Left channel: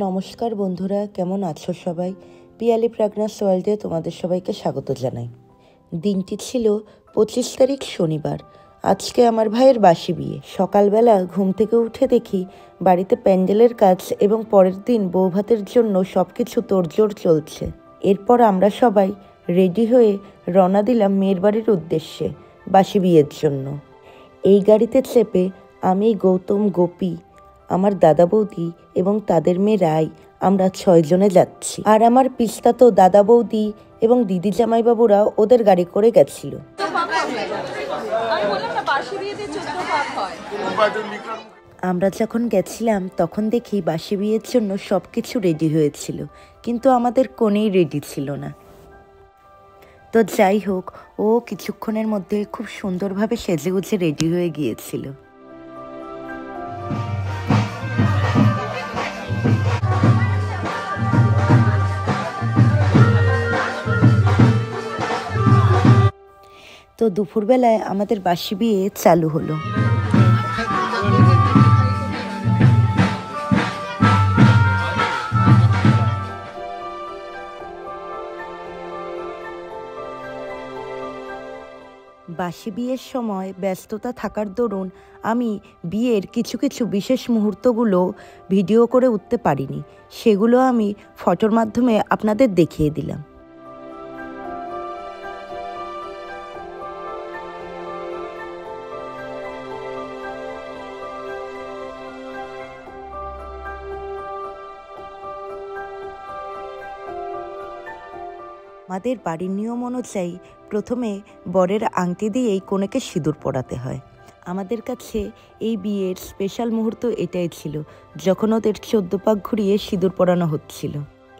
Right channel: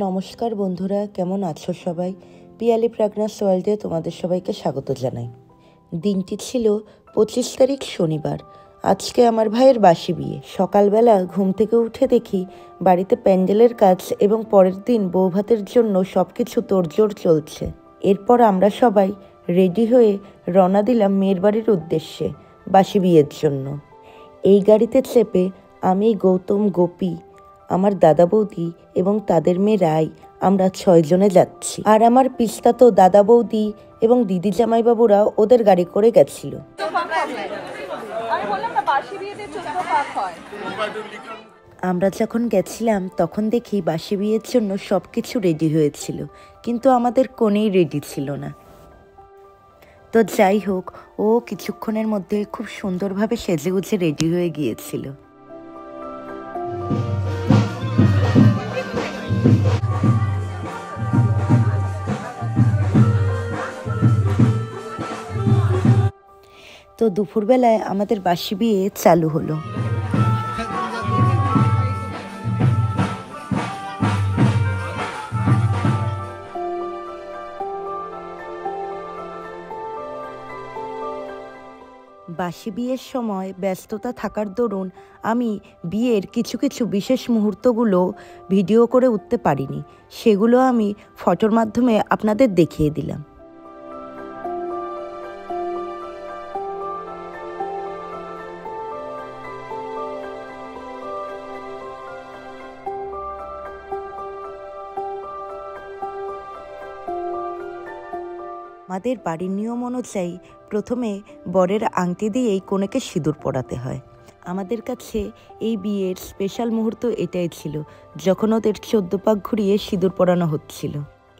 নমস্কার বন্ধুরা, কেমন আছো সবাই? পিয়ালি প্রাগনাস ওয়ার্ল্ডে তোমাদের সবাইকে স্বাগত জানাই। দিনটি ছিল 25 তারিখ শনিবার। আজকে আমার ভাইয়ের বাসি বিয়ে। সকালবেলা ঘুম থেকে উঠে দেখি বাড়িতে প্যান্ডেলের কাজ এবং পরের দিন বৌভাতের জন্য সব কিছু তোড়জোড় চলছে। এরপর আমরা সবাই রেডি হয়ে রওনা দিলাম মেয়ের বাড়ির উদ্দেশ্যে বাসি বিয়ের জন্য। এই গাড়িতে চেপে আমি, গৌতম, গোপী, আমার দাদা বৌদি এবং তাদের মেয়ে রাই, আমরা 6 জনে যাচ্ছি। আর আমার পিস্তাতো দাদা বৌদি এবং দিদি জামাইবাবুরা ওদের গাড়ি করে গেছিল। আমরা যখন গেছিলাম তখন দেখি বাসি বিয়ের জন্য সব কিছু রেডি হয়েছিল, কিন্তু আমাদের কোনেই রেডি ছিল না। তো যাই হোক, ও কিছুক্ষণের মধ্যে খুব সুন্দরভাবে সেজেগুজে রেডি হয়ে গিয়েছিল। তো দুপুরবেলায় আমাদের বাসি বিয়ে চালু হলো। বাসি বিয়ের সময় ব্যস্ততা থাকার দরুন আমি বিয়ের কিছু কিছু বিশেষ মুহূর্তগুলো ভিডিও করে উঠতে পারিনি। সেগুলো আমি ফটোর মাধ্যমে আপনাদের দেখিয়ে দিলাম। আমাদের বাড়ির নিয়ম অনুযায়ী প্রথমে বরের আংটি দিয়েই কনেকে সিঁদুর পরাতে হয়। আমাদের কাছে এই বিয়ের স্পেশাল মুহূর্ত এটাই ছিল, যখন ওদের 14 পাক ঘুরিয়ে সিঁদুর পরানো হচ্ছিল।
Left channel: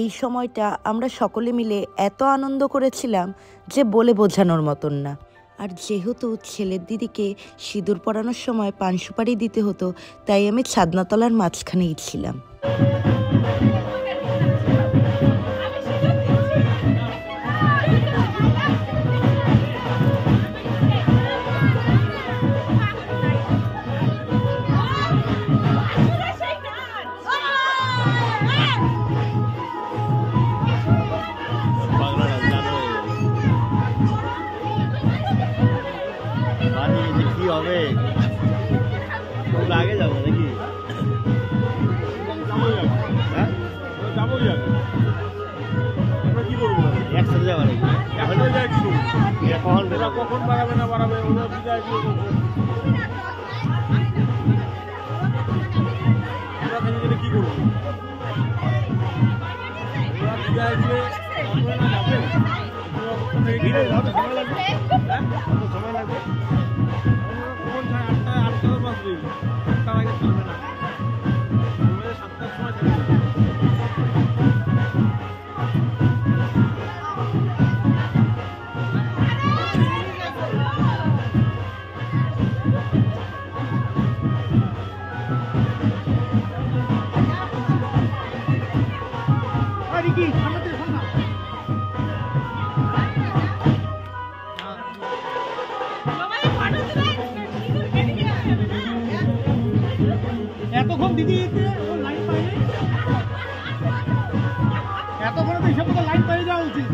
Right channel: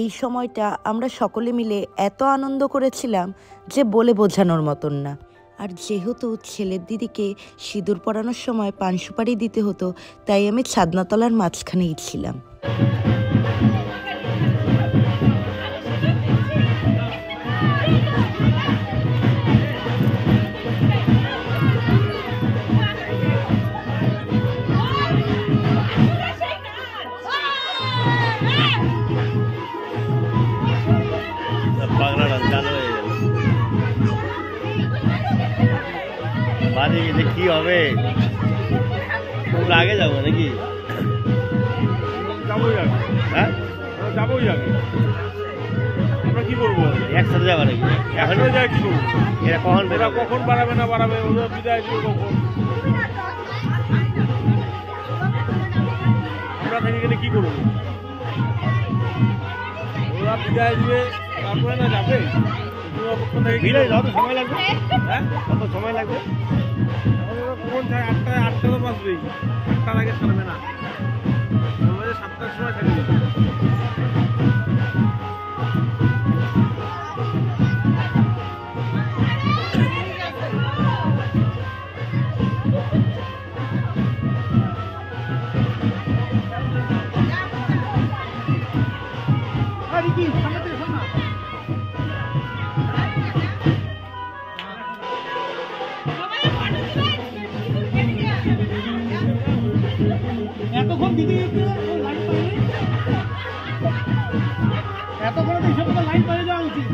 এই সময়টা আমরা সকলে মিলে এত আনন্দ করেছিলাম যে বলে বোঝানোর মতন না। আর যেহেতু ছেলের দিদিকে সিঁদুর পরানোর সময় পান সুপারি দিতে হতো, তাই আমি ছাদনাতলার মাঝখানেই ছিলাম। কি হবে, আগে যাবো নাকি? হ্যাঁ যাবোই আগে। আমরা কি করবো? একসাথে যাবো নাকি? এখন যায় কি করবো? এরা কখন বাড়াবে না বাড়াবে, ওদের বিদায় দিবে কখন? আমরা থেকে গেলে কি করবো? ওরা বিদায় দিবে, তারপরে না যাবে। সময় লাগবে। হ্যাঁ, কত সময় লাগবে? কখন ছাড়ে? 8টায় তো বাসবে। 8টার আগে ছাড়বে না, 7টার সময় ছাড়বে। এতক্ষণ দিদি লাইন পাইনি, এতক্ষণ তো হিসাব লাইন পেয়ে যাওয়া উচিত।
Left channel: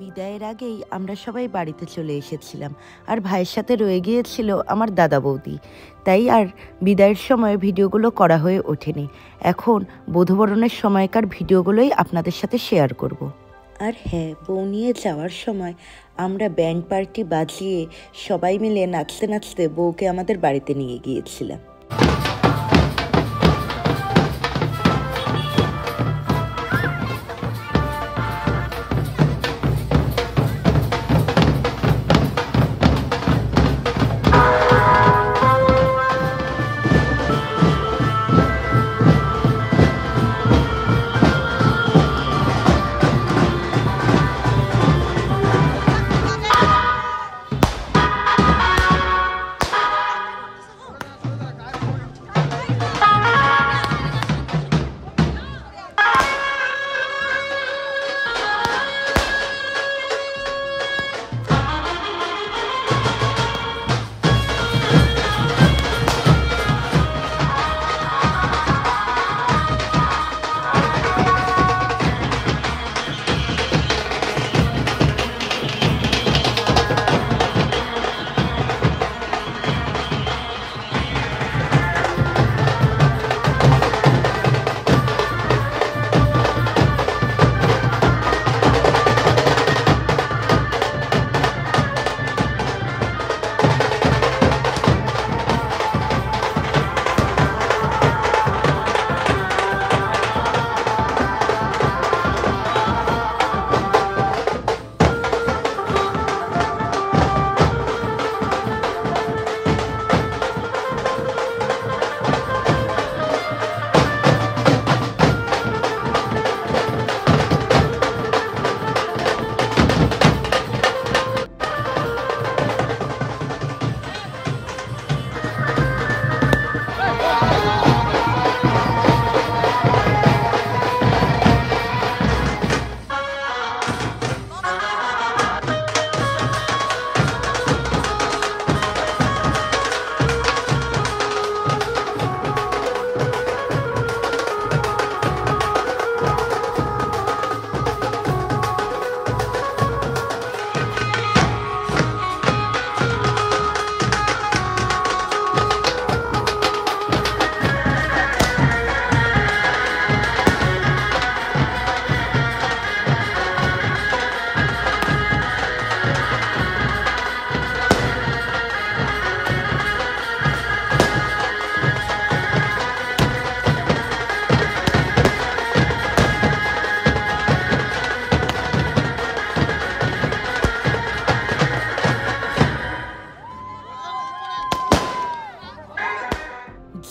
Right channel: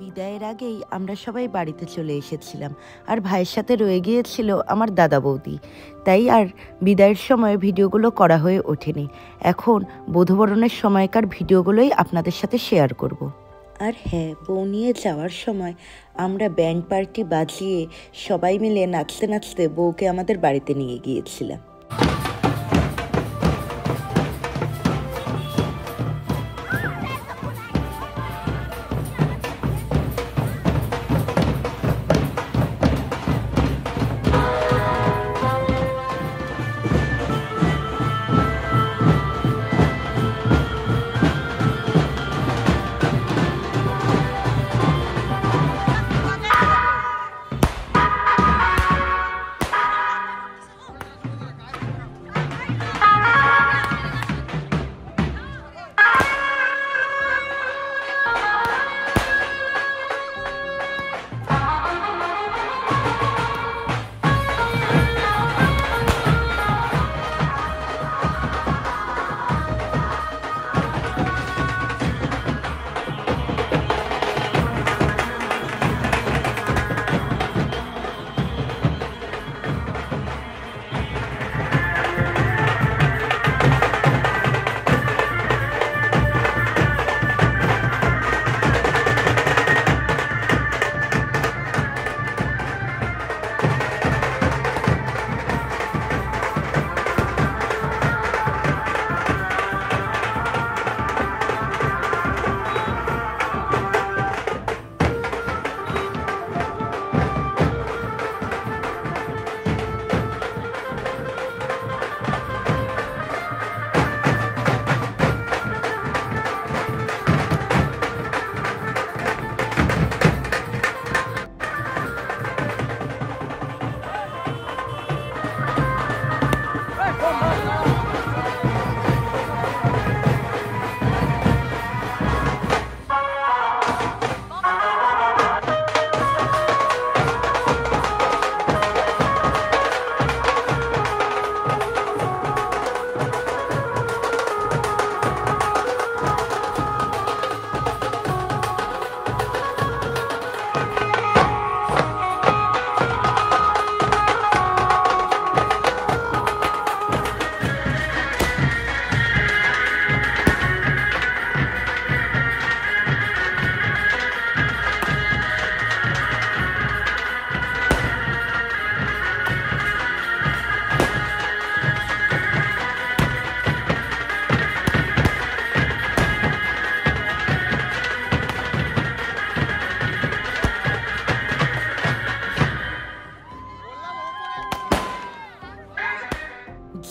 বিদায়ের আগেই আমরা সবাই বাড়িতে চলে এসেছিলাম, আর ভাইয়ের সাথে রয়ে গিয়েছিল আমার দাদা বৌদি। তাই আর বিদায়ের সময় ভিডিওগুলো করা হয়ে ওঠেনি। এখন বধূবরণের সময়কার ভিডিওগুলোই আপনাদের সাথে শেয়ার করব। আর হ্যাঁ, বউ নিয়ে যাওয়ার সময় আমরা ব্যান্ড পার্টি বাজিয়ে সবাই মিলে নাচতে নাচতে বউকে আমাদের বাড়িতে নিয়ে গিয়েছিলাম।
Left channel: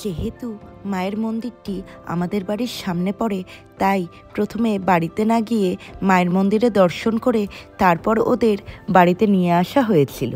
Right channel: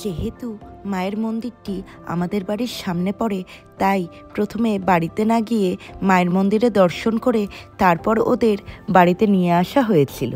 যেহেতু মায়ের মন্দিরটি আমাদের বাড়ির সামনে পড়ে, তাই প্রথমে বাড়িতে না গিয়ে মায়ের মন্দিরে দর্শন করে তারপর ওদের বাড়িতে নিয়ে আসা হয়েছিল।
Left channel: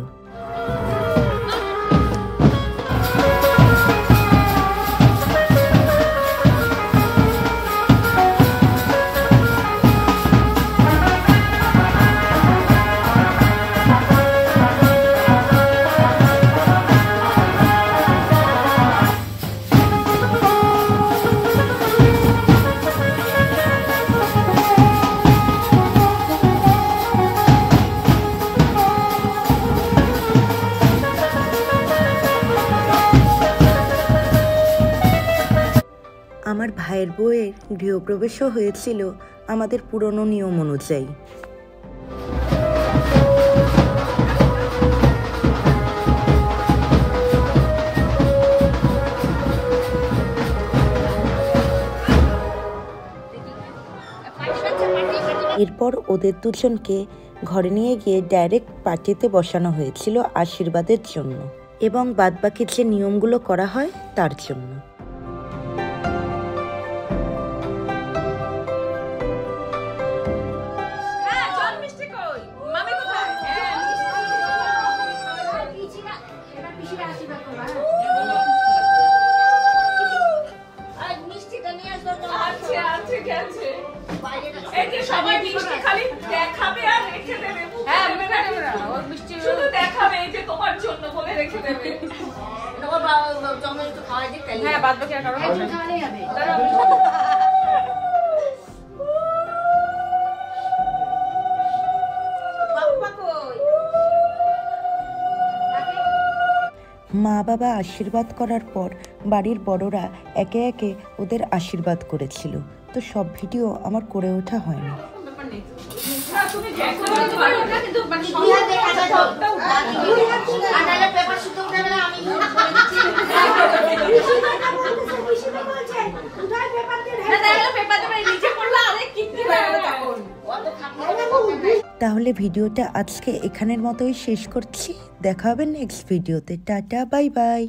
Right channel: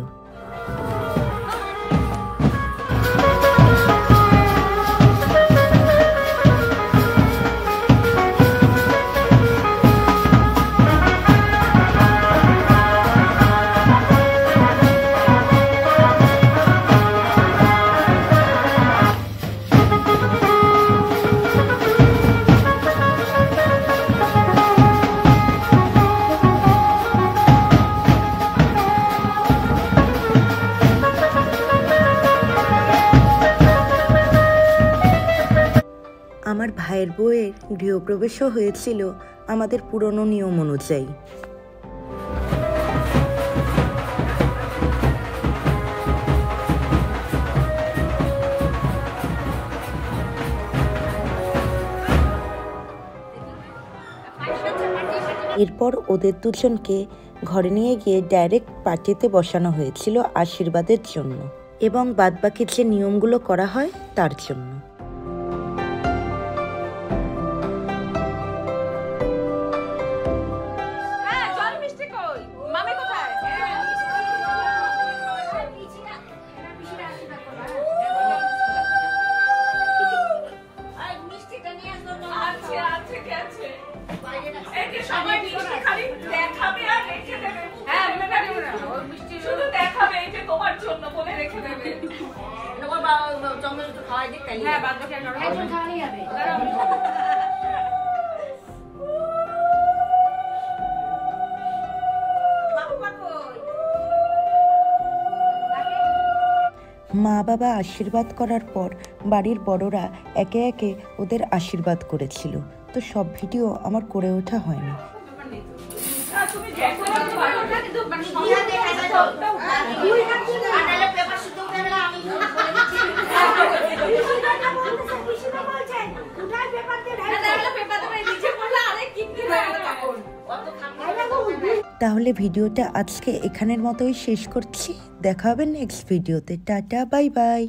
আমার ভাইয়ের বউয়ের গৃহপ্রবেশও হয়েছিল আমাদের পুরনো নিয়ম অনুযায়ী। এরপর ওদের দুজনকে ঘরে নিয়ে গিয়ে ডাইরেক্ট পার্টিতে বসানো হয়েছিল আশীর্বাদের জন্য এবং বাদবাকি যে নিয়মগুলো করা হয় তার জন্য। মা বাবা আশীর্বাদ করার পর বাড়ির বড়রা একে একে ওদের আশীর্বাদ করেছিল, তো সব ভিডিও আমার করে ওঠা হয়নি। তাহলে ভিডিওটা আজকে এখানের মতোই শেষ করছি। দেখা হবে নেক্সট ভিডিওতে। Tata, bye bye.